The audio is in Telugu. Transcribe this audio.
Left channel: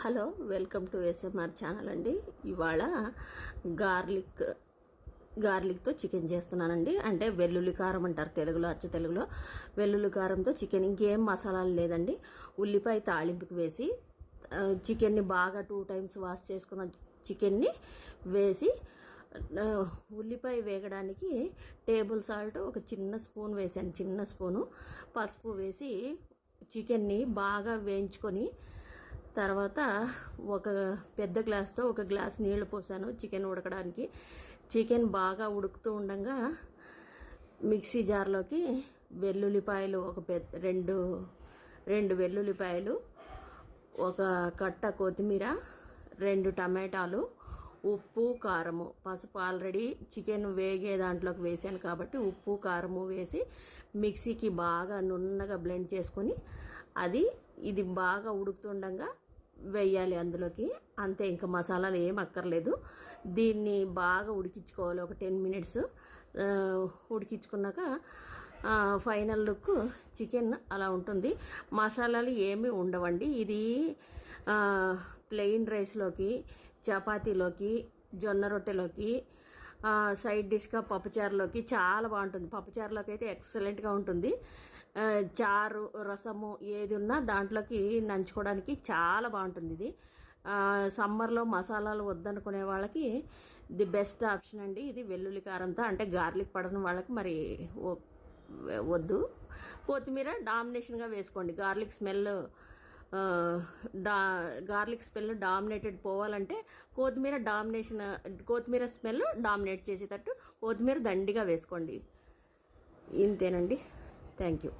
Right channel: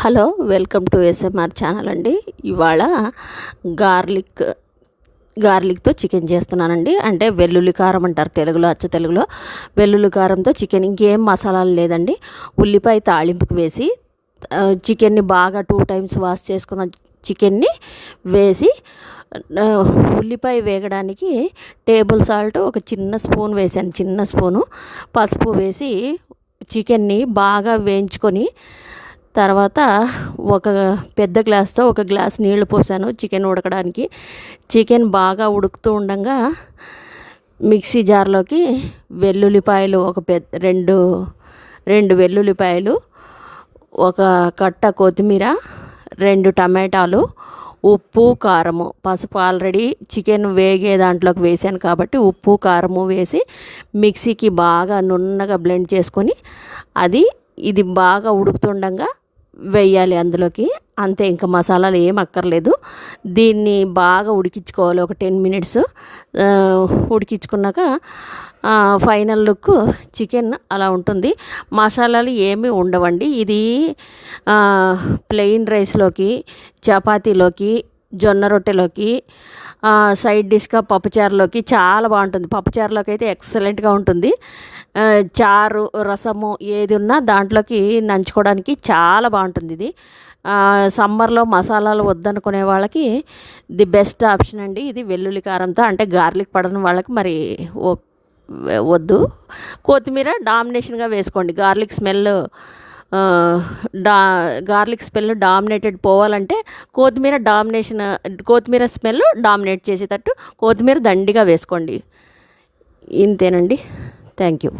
Hello, welcome to SMR channel అండి. ఇవాళ గార్లిక్తో చికెన్ చేస్తున్నానండి. అంటే వెల్లుల్లి కారం అంటారు తెలుగులో, అచ్చ తెలుగులో. వెల్లుల్లి కారంతో చికెన్, ఇంకేం మసాలాలు లేదండి. ఉల్లిపాయ తాళింపుకి వేసి చికెన్ని బాగా 2 టైమ్స్ వాష్ చేసుకున్న చికెన్ని వేసి, ఉల్లిపాయ వేగడానికి టేబుల్ సాల్ట్ ఒక చిన్న స్పూన్ వేసాను, చిన్న స్పూను పసుపు వేసి చికెన్ని బాగా వేయించుకొని, తర్వాత ఒక పెద్ద గ్లాస్తో ఒక గ్లాస్ నీళ్లు పోసాను చికెన్ ఉడకడానికి. చికెన్ బాగా ఉడుకుతూ ఉండగా మిక్సీ జార్లోకి వెల్లుల్లిపాయలు రెండు వెల్లుల్లిపాయలు, ఒక కట్ట కొత్తిమీర, 2 టమాటాలు, ఉప్పు, కారము, పసుపు ఆల్రెడీ చికెన్ వేగే దాంట్లోకి వేసాను కాబట్టి ఉప్పు కారము వేసి మిక్సీకి బాగా నున్నగా బ్లెండ్ చేసుకొని ఇది బాగా ఉడుకుతుండగా వేయాలి అందులోకి. అంతే, ఇంకా మసాలాలు ఏం అక్కర్లేదు. దీన్ని బాగా ఉడికించుకోవాలి ఒక 10 మినిట్స్. ఉడికించుకున్నాక ఫైనల్ లుక్ చికెన్ అలా ఉంటుంది. మసాలాలు ఏమీ ఉండవండి. ఇది ప్లెయిన్ రైస్లోకి, చపాతీలోకి, జొన్న రొట్టెలోకి, సైడ్ డిష్గా పప్పుచారులోకి చాలా బాగుంటుంది. పప్పుచారులోకి అయితే ఎక్సలెంట్గా ఉంటుంది. చారు, రసము ఏది ఉన్నా దాంట్లోకి నంచుకోవడానికి చాలా బాగుంటుంది ఇది. సమ్మర్లో మసాలాలు వద్దనుకునే వాళ్ళకి ది బెస్ట్ ఆప్షన్ అండి ఇది, వెల్లుల్లి కారంతో. అంటే గార్లిక్ పడని వాళ్ళకి మరి వద్దు. కొత్తిమీర డామినేషన్గా వేసుకోండి. గార్లిక్ స్మెల్ డామినేటెడ్ పోవాలంటే కొత్తిమీర స్మెల్ డామినేట్ చేసేటట్టు కొత్తిమీర దండిగా వేసుకోండి. ఇంతేనండి. Thank you.